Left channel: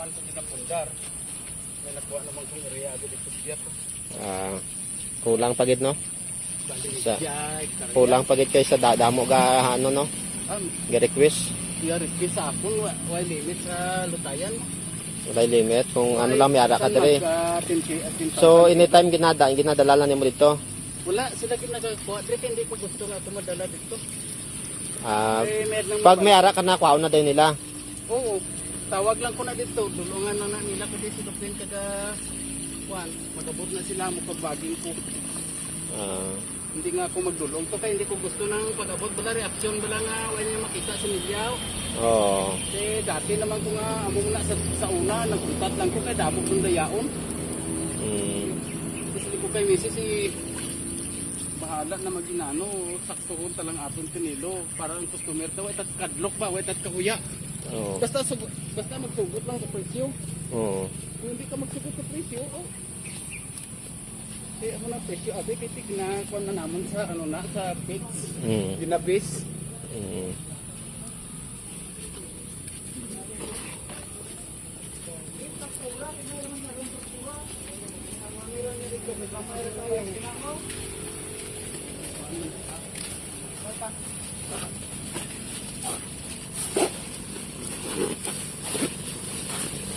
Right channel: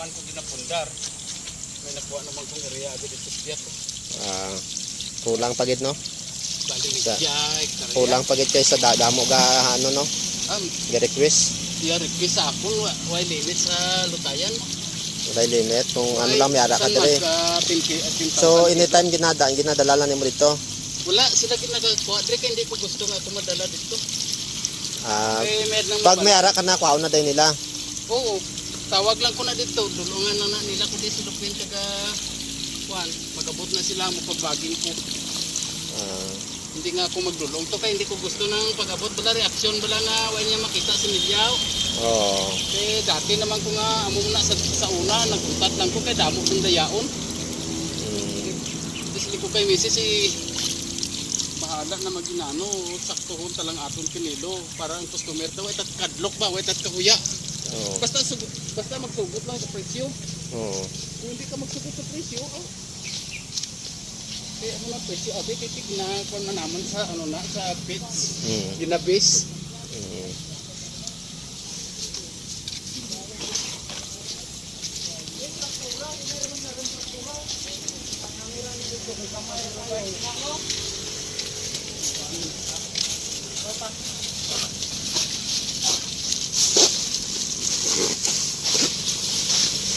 man ko ginapundar. May nakuha naman kong area agad dito sa ko. Kulang pagid no? Sa, kulang pagid kay sa damo ga ano no? Ga request. Yeah, request sa akon why limit sa lutayan mo. Wala limit kung ano lang may ara ka diri. So anytime ginadala lang nimo dito. Wala sila ginagawa diri kay hindi ko gusto nga ako madala dito. Pag may ara ka na kuha na day nila. Oo. Tawag lang ko na dito, dulungan na nila ko di silupin kaga kuan, magabot na sila mo pagbaging ko. Hindi nga ako magdulong to kay hindi ko gusto ng pag-abot bala reaksyon bala nga wala niya makita si Milyaw. Oo. Kay dati naman ko nga amo na sa una naguntat lang ko kay damo ng dayaon. Kasi ko kay misis si bahala na maginano saktohon talang aton pinilo para ang customer daw itat kadlok ba wait at kahuya. Basta magsugot lang sa presyo. Kung hindi ka magsugot sa presyo, kaya mo na presyo abi kay tignakuan na naman sa ano na sa pits. Ginabis.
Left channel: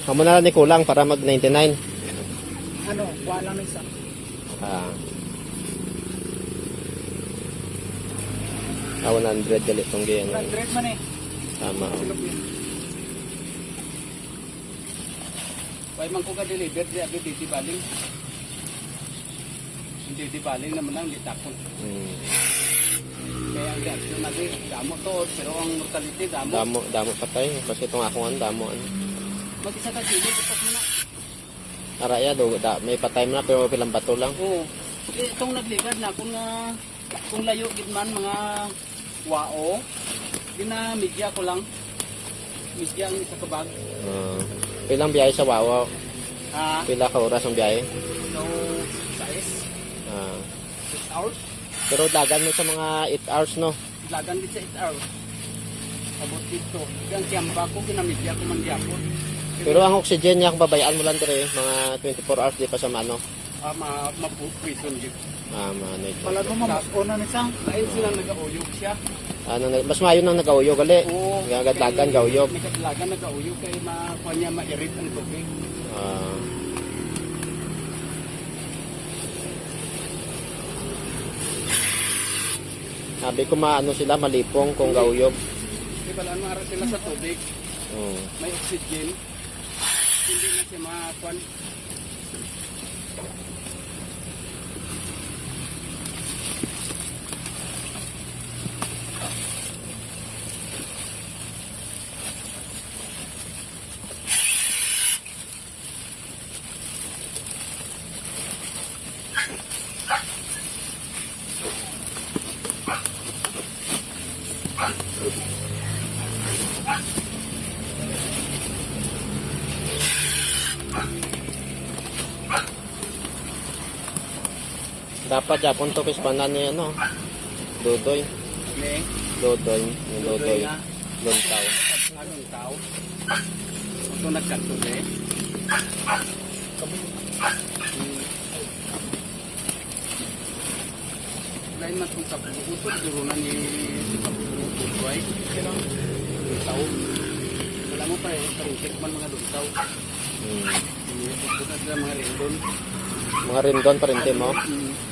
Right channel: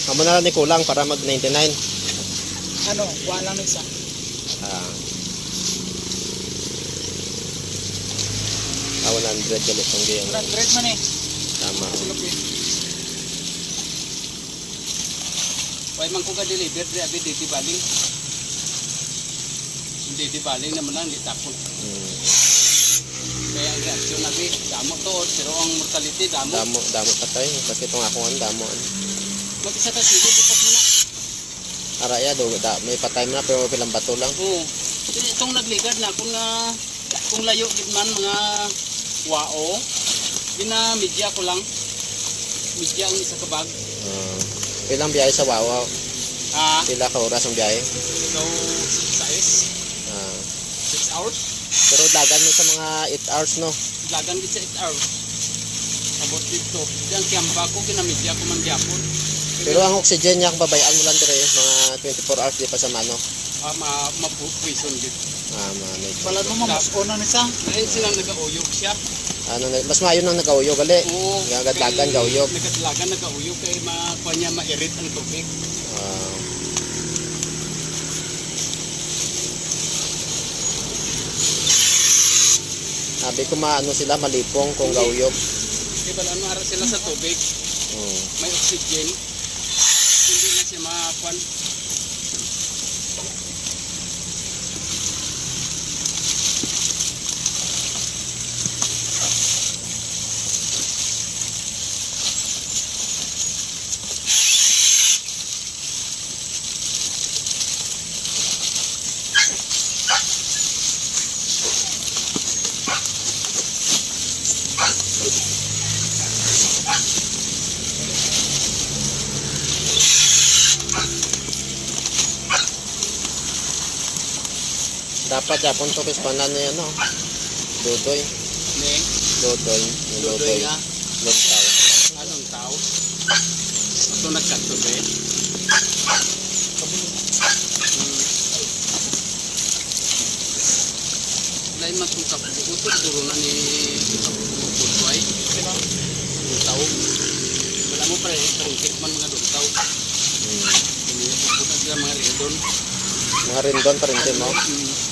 Amo na lang ni kulang para mag 99. Ano, wala lang isa. 100 dali tong giyan. 100 man eh. Tama. Why man ko ka deliver di abi dito baling. Hindi baling naman lang ditapon. Kaya ang reaksyon nabi damo to pero ang mortality damo patay kasi itong ako ang damo mag-isa ka sili bukas mo na. Araya do may patay na pero pilang bato lang. Oo. Itong nagligad na kung layo gid man mga wao media ko lang. Media ang isa ka bag. Ilang biyahe sa Wawa? Pila ka oras ang biyahe? So 6 hours. Pero dagan mo sa mga 8 hours no? Dagan gid sa 8 hours. Abot dito. Diyan kiyamba ko ginamidya ko man gyapon. Pero ang oxygen niya kung babayaan mo lang dire mga 24 hours di pa sa mano. Mapuprison gid. Manay. Wala mo mas ona ni sa. Ayun silang nagauyog siya. Mas maayo nang nagauyog gali. Gagadagan gauyog. Nagadlagan nagauyog kay makuha niya mairit ang tubig. Sabi ko maano sila malipong kung gauyog. Di ba ano ara sila sa tubig? May oxygen. Hindi na siya makuan. Dapat yapon to kispanan ni ano. Dodoy. Dodoy. Luntaw. Anong tao? Ito nagkakto eh. Lain man kung kaputod duro na ni kaputod luntaw. Wala mo parikit man mga luntaw. Pupunta sila mga rindon. Mga rindon pa rin mo.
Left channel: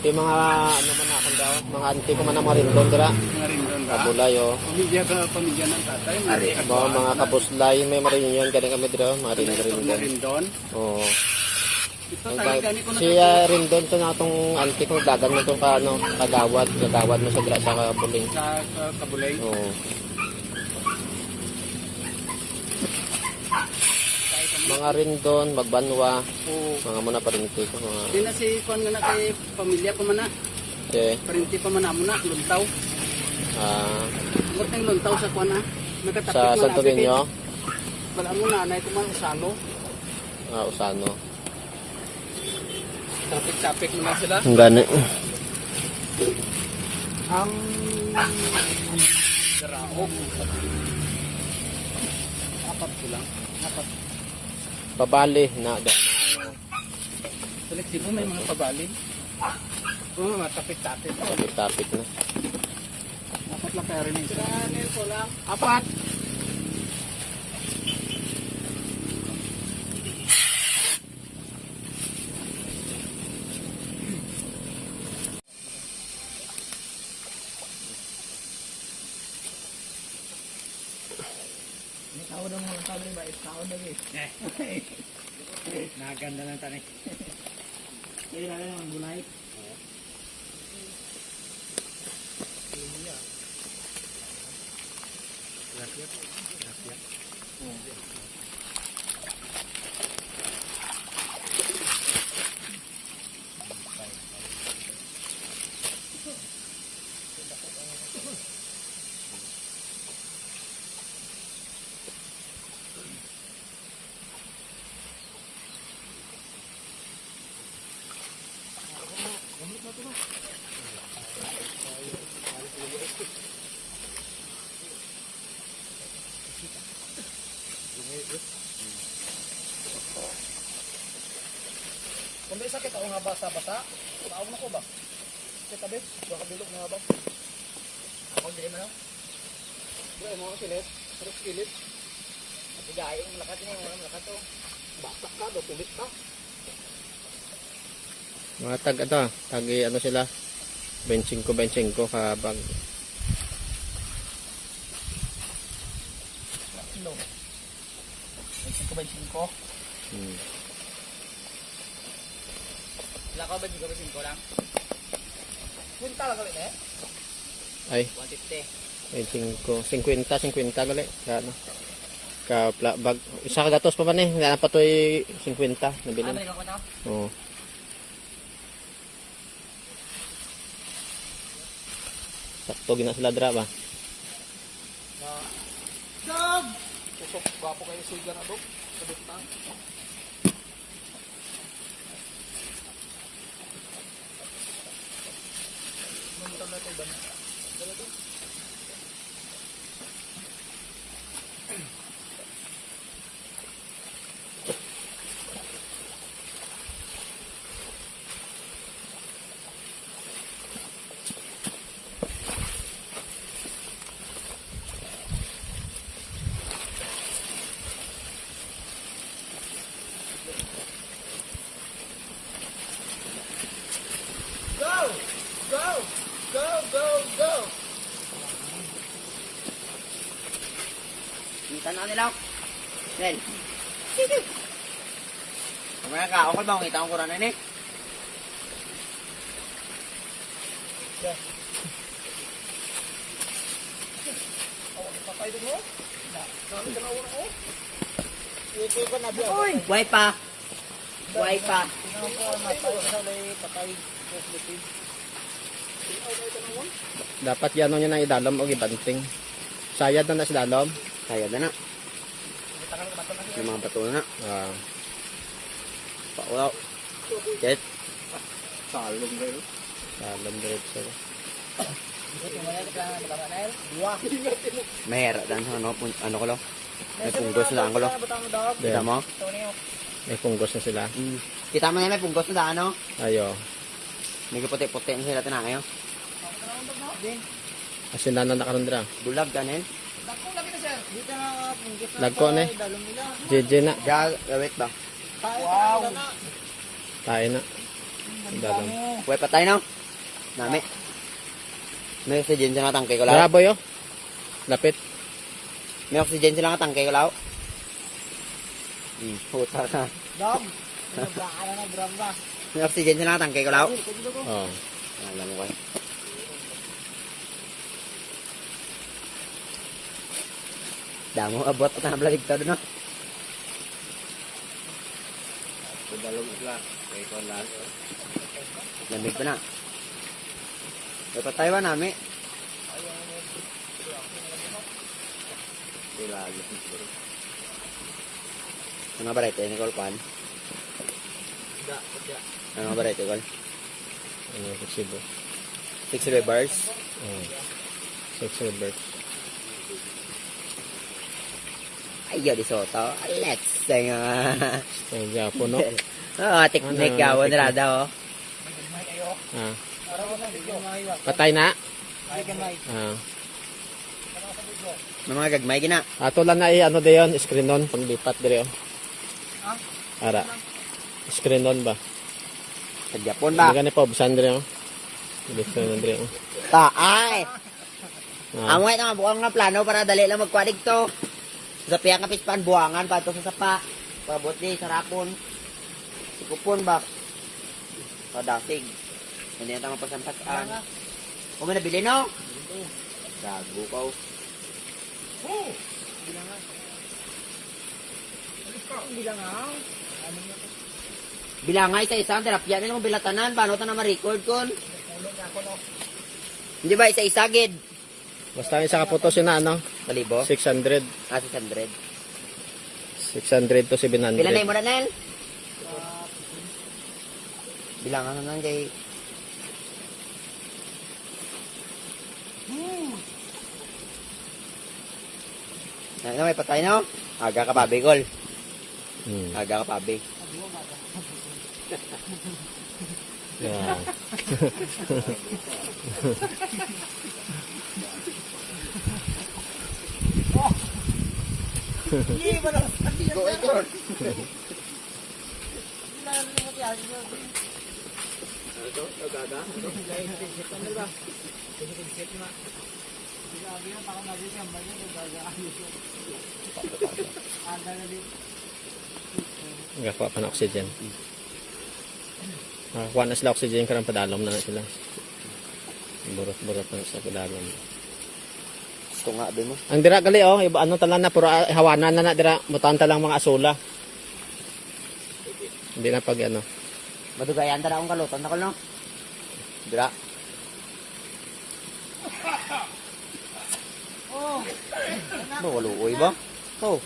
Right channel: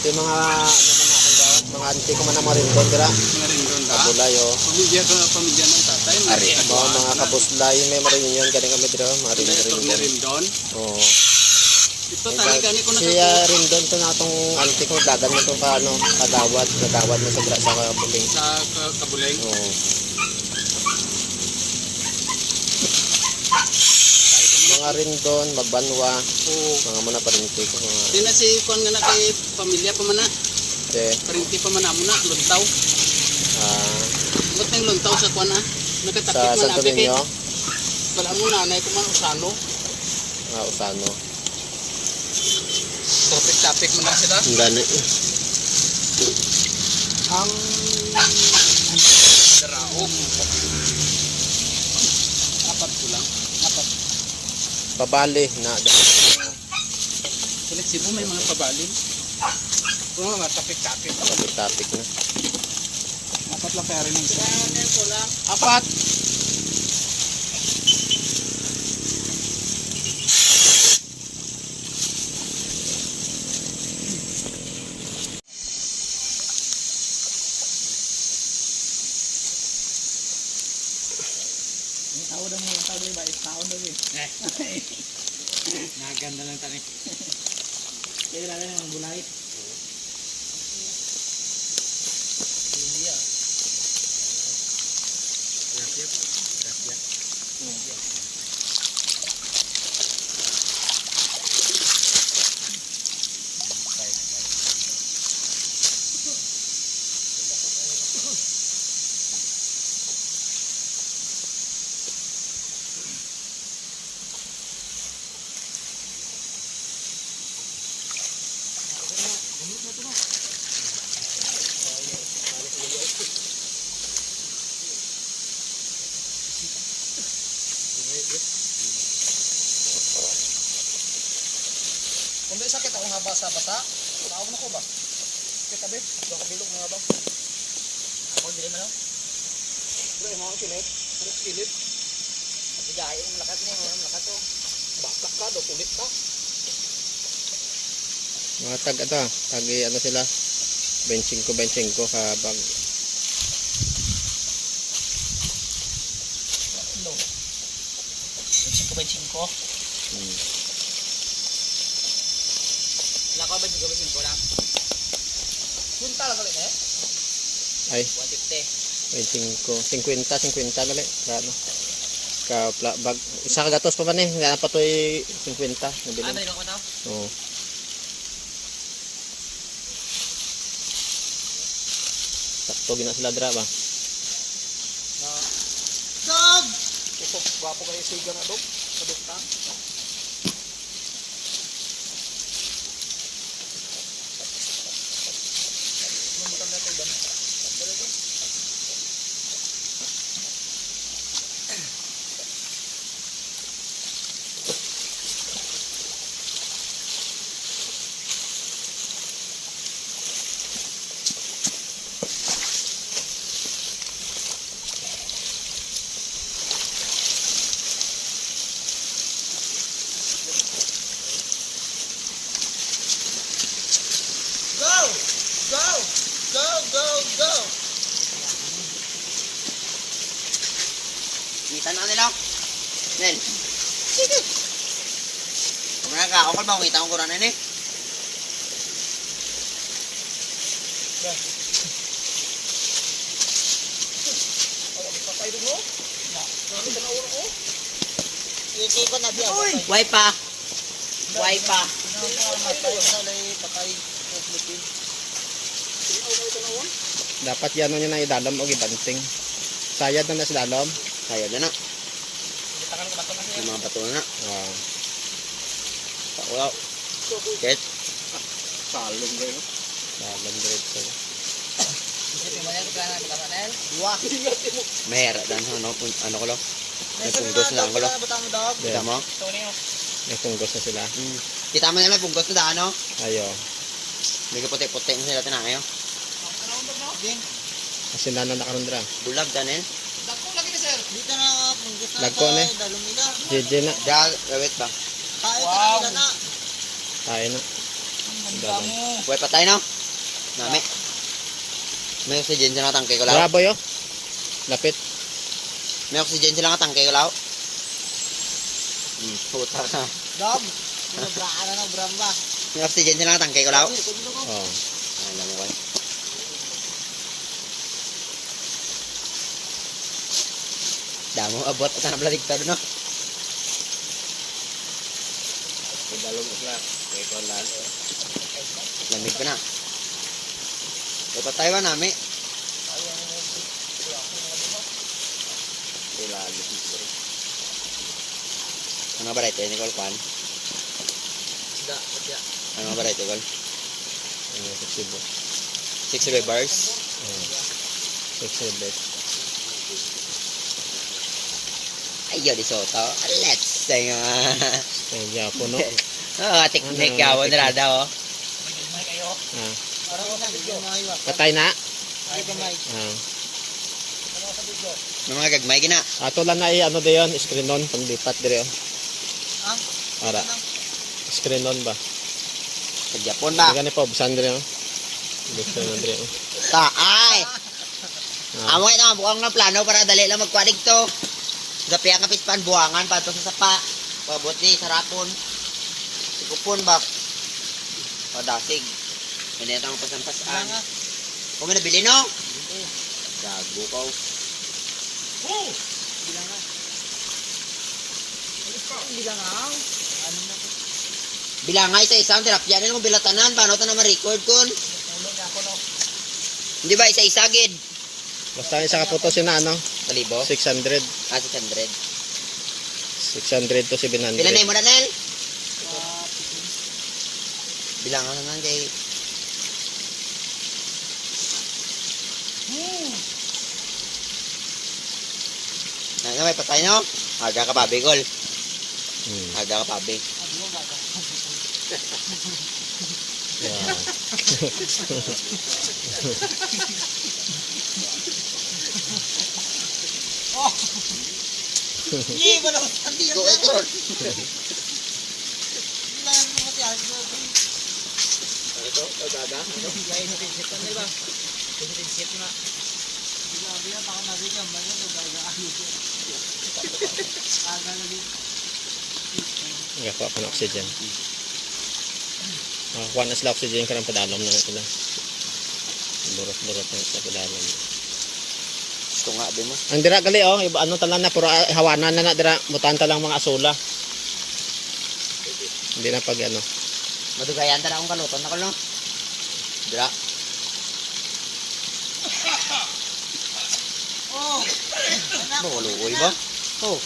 Yung mga ano man akong daw, mga auntie ko man ang mga rindon dira. Mga rindon ba? Kabulay Pamilya ko pamilya ng tatay. Mga kabuslay may marinyon galing kami dira, mga rindon. Oo. Ito talaga ni ko si rindon to natong auntie ko dagan mo to paano kagawad mo sa kabuling. Sa kabuling. Oo. Mga rindon, magbanwa, mga muna parinti ko. Di na si Kwan nga na kay pamilya pa man na. Parinti pa man na mo na, luntaw. Ba't nang luntaw sa Kwan nakatapik sa man Santo Niño? Wala mo nanay ko man Usano. Usano. Tapik-tapik mo lang sila. Ang gani. Ang daraog. Apat ko lang. Apat. pabali na Sa Cebu may mga pabalin. Oo, mga kapit-kapit. topic na. Apat lang kaya rin yung isa. Ko lang. Apat. Naganda lang tani. Jadi namin ang gulay. Kung may sakit ako nga basa-basa, taog na ko ba? Kita ba? Baka bilog na ba? Ako hindi naman ako. Wala mo ang kilid. Ano kilid? At gaya yung lakat niya. Lakat to. Batak pa, tulit pa. Mga tag ano sila 25 ka bag. No. 25. Wala ka ba di gawin 5 lang? Yun tala kalit eh? Ay 150. 50 dali ka ano ka bag isa ka gatos pa man nga pa toy 50 nabili. Ano yung daw? Oo. Sakto gina sila dra ba? Dog! Ito, wapo kayo siga na dog. Kadugtang. Go! Kita na nila. Nel. Sige. Kamera ka, ako ba kita ko kurang ini? Uy, wipa. Wipa. Dapat yan niya na idalom o ibanting. Sayad na si dalom. Kaya na na. Yung mga bato na na. Ah, Wow. Ket. Salong kayo. dalom diretso. Meron dan ano ko lo. May punggos lang ko lo. Kita mo? May punggos na sila. Kita mo na may punggos na ano? Ayo. May puti-puti na sila tinayo. Kasi na nakarundra. Bulag danin. Dito na punggos Lagko na. dalong nila. JJ na. Jal, wait ba? Wow! Tayo na. Dalom. Wait pa tayo no? Nami. May oxygen sa tangke ko lao. Bravo yo. Lapit. May oxygen sila nga tangke ko lao. Puta ka. Dog! Pinagkaan na ng bramba. May oxygen sila nga tangke ko lao. Oh. Alam ko. Damo abot at na blaligtad no. Lamig ko na. Ito Taiwan nami. Ano ba rito? Ini kol pan. Ano ba rito kol? Ano sa Cebu. 6 bars. Oh. Subscribers. Ayo di soto. Let's Stay nga. Style Japo, no? Teknik ka mo nirada oh. Ah. Patay na? Ah. Mga gagmay gina. Ato lang na ano dayon, screen on, panglipat dire oh. Ara. Screen on ba? Sa Japon ba? Hindi ka na pa, busan dire oh. Screen on dire oh. Ay! Amo nga naman bukang nga plano para dali lang magkwadig to. Gapiya nga pispan buwangan pa to sa sapa. Pabot ni sarapon. Kupon ba? Padasig. Hindi na tayo pasan-pasan. Kung may nabili no? Gago ka. Bilangay isa-isa ang terapya nila mo bilatanan. Paano ito na ma-record kun? Hindi ba isa-isa gid? Basta isa ka puto sina ano? Kalibo? 600. 600. 600 to 700. Pila na mo na Nel? Bilangan naman kay Nga may patay no? Aga ka pa bigol. Aga ka pa big. Wow. Ni wala sandi yan. Ito, aga. Nakakuha pa ng oxygen. Nakakuha na sila oxygen karang padalom na sila. Burot-burot na sa padalom. Ito nga abi mo. Ang dira gali oh, iba ano talan na puro hawanan na dira, mutanta lang mga asula. Hindi na pag ano. Madugayan ta na akong kaluton na ko no. Dira. Luoy ba? Oh.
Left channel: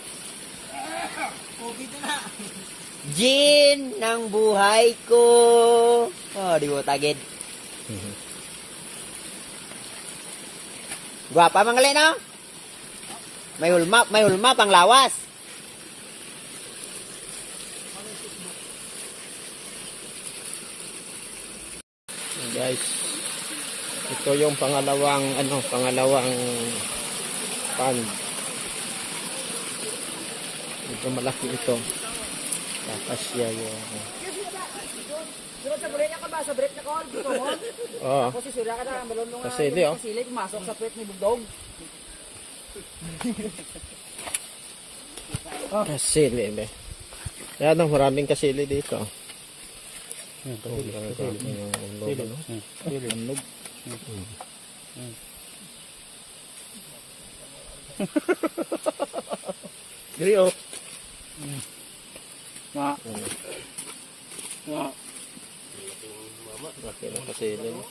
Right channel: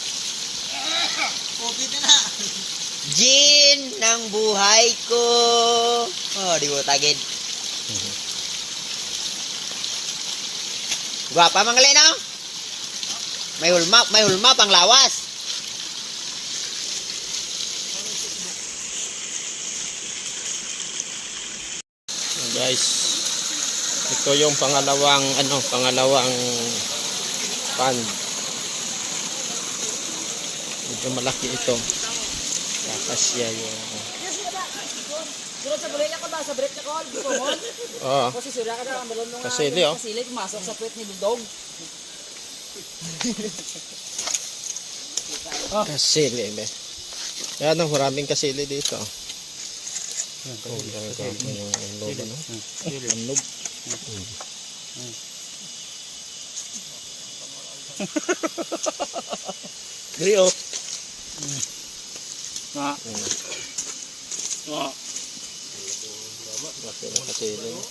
Gin ng buhay ko. Oh, di mo tagid. Gwapa mga no? May hulma pang lawas. Guys, ito yung pangalawang pan. Medyo malaki ito. Kakasya yung Sunod sa bulit ka ba? Sa break na call? Gusto mo? oh, Kasi sura ka na. Balon nung Kasili, oh. kasili, pumasok sa puwet ni Bulldog. kasili be. Yan ang maraming kasili dito. Oh, yung lobo no. Anog. Diri oh. Nga. Nga. Laki ng kasili. No?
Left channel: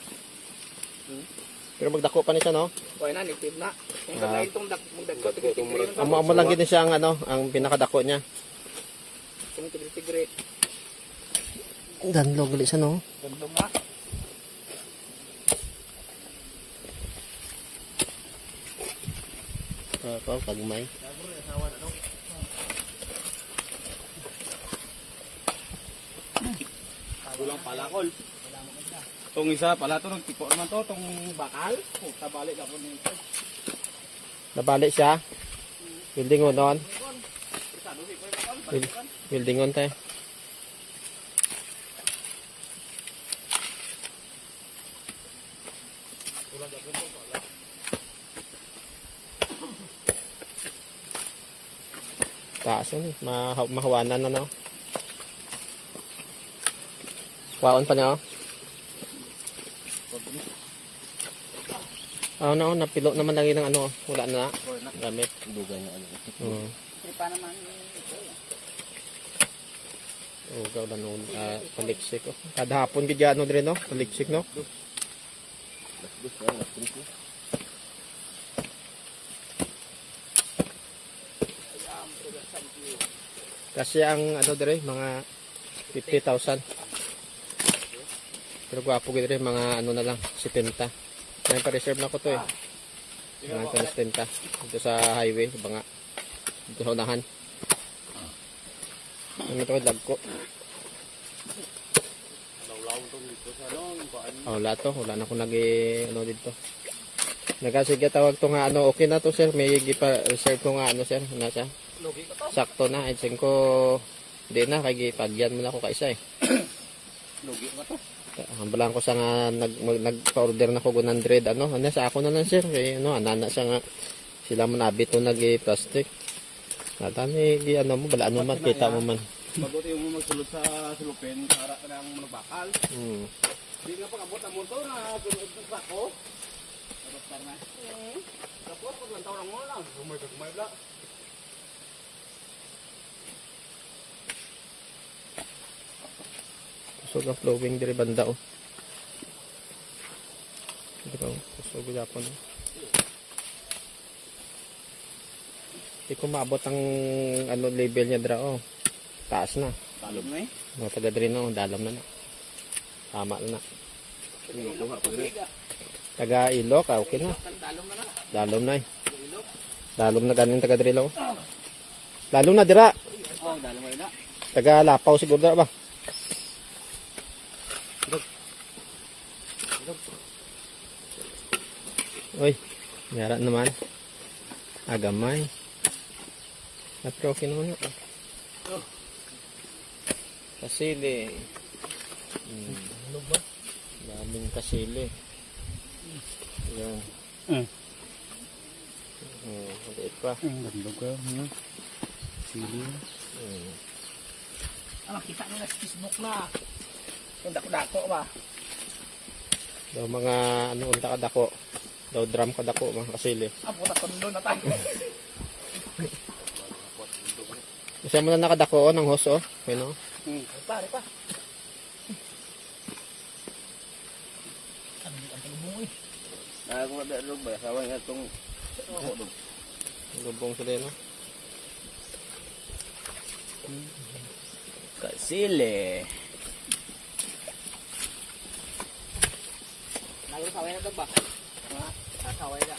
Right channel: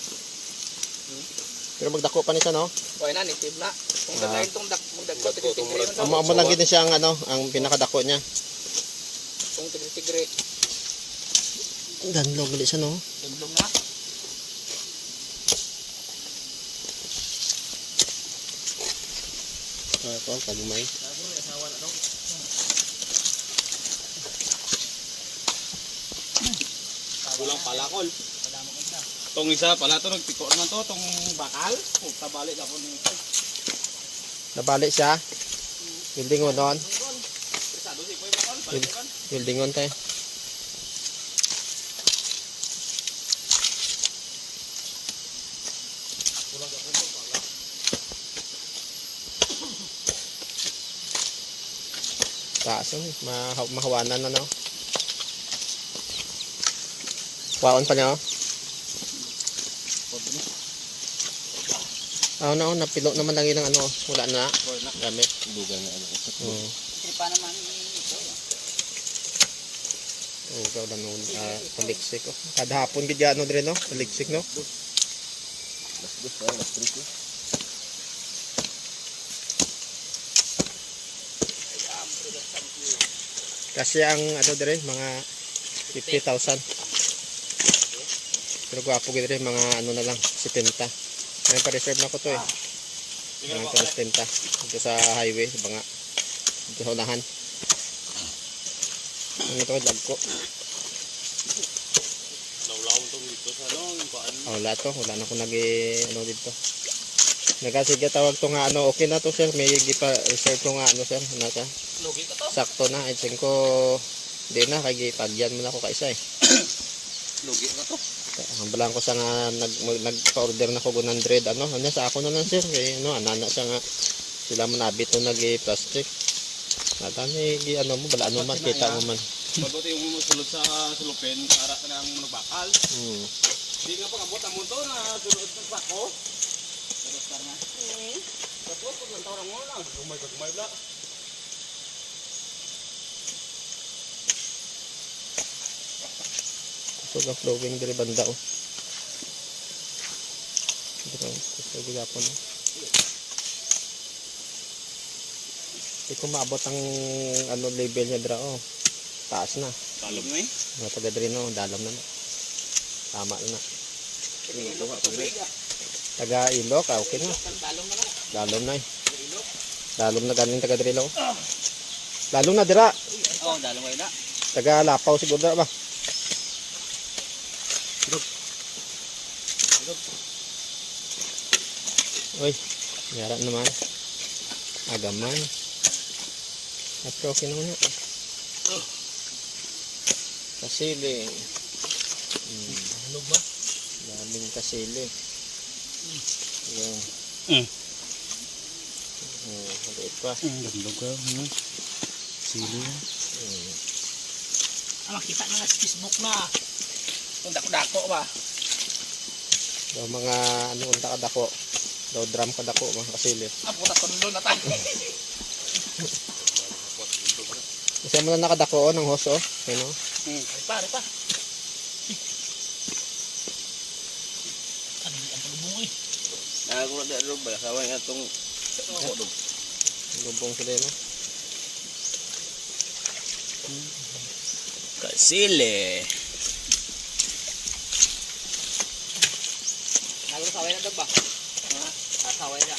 Pero magdako pa ni siya no. Kuha na, nitib na. Kung dagay itong magdagko, tigre-tigre man. Amo lang gid siya ang ang pinakadako niya. Itong tigre-tigre. Danlog ulit siya no. Dugdog na. Tagmay. Kulang palakol. Itong isa pala ito, nagtiko naman to, itong bakal. Tabalik ako nito. Nabalik siya. Building on doon. Persado si Poy bakal, balikan. Building on tayo. Taas yun. Mahawanan na no. Waon pa niya oh. Na napilo naman lang yun ng ano. Wala na. Gamit. Dugan na ano. Tripa naman ito. Gaw na nun. Paliksik oh. Kada hapon gid ano dire no. Paliksik no. Kasi ang ano dire mga 50,000. Pero gwapo gid dire mga ano na lang 70. May pa-reserve na ko to eh. Mga pa 70 dito sa highway sa banga. Dito sa unahan. Ano to, lag ko. Lawlaw tong dito sa ano, kuan. Wala to, wala na ko ano dito. Nagasiga tawag to nga ano, okay na to sir. May gipa-reserve to nga ano sir. Ano siya? Logi ka to. Sakto na. I think ko, di na, kay pagyan mo na ako kaisa eh. Logi ka to. Ang balang ko sa nga, nag-order na ko 100, ano sa ako na lang sir. Kaya ano, anana siya nga, sila man abit to nag-plastic. Natami, ano mo, balaan mo man, kita mo man. Mabuti yung musulod sa sulupin, harap na ng manubakal. Di nga pag-abot ang munto na sulod sa sako. Tapos na. Tapos, pag ang tawang mo lang. Gumay bla. Kusog ang flowing diri banda oh. Dito, kusog gapon oh. Di ko maabot ang ano level niya dra oh. Taas na. Talom na eh. Mga taga diri no, dalam na na. Tama na. Ilo ka tubig ah. Taga ilo ka, okay na. Talom na lang. Dalom na eh. Dalom na ganin taga diri lo. Lalo na dira. Oh, dalom kayo na. Taga Lapaw siguro dira ba? Uy, nyara naman. Agamay. At okay naman na. Kasili. Ano ba? Daming kasili. Yan. Maliit pa. Gandog ka. Sili. Makita na nga sa Facebook na. Kung dako-dako ba? Daw mga ano unta kadako. Daw drum kadako mga kasili. Puta tondo na tayo. Isa mo na nakadako ng hoso. Ano? Pare pa. Ano ang palubong eh. Nakakuha na dog ba? Saway nga itong Lubong sila no. kasili. Saway na dog ba? Saway na.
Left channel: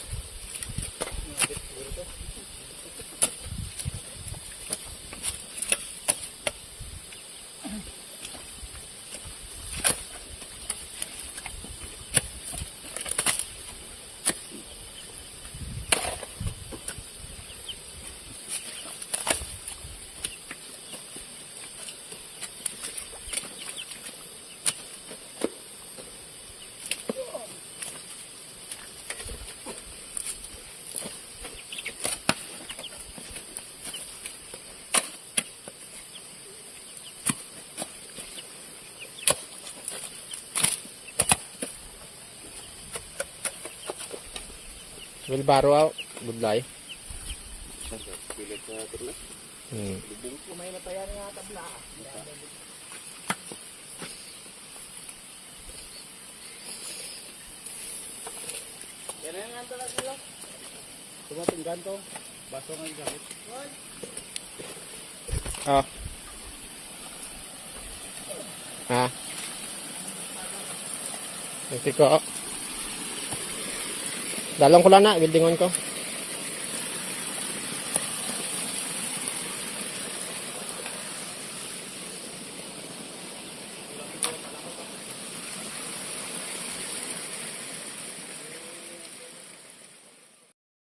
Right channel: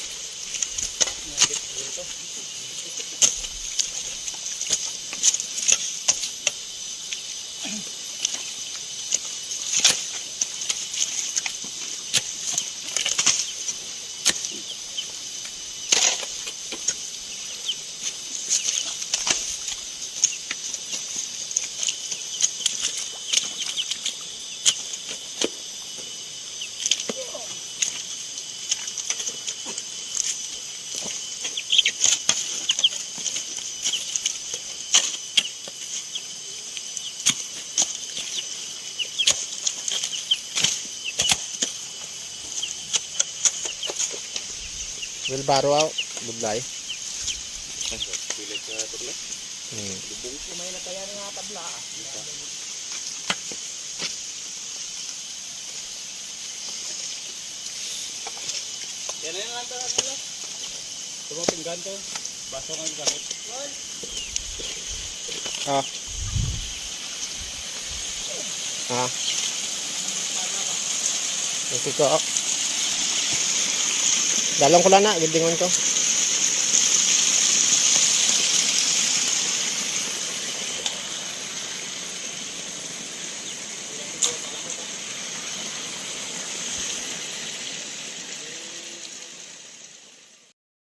Wilbaro out. Budlay. Pilit na ito na. May nataya na nga tabla. Yan na yung nanda nila. Ito mga pinggan to. Baso nga yung gamit. Ah. Ah. Ito ko. Dalong ko lang na, bildingon ko.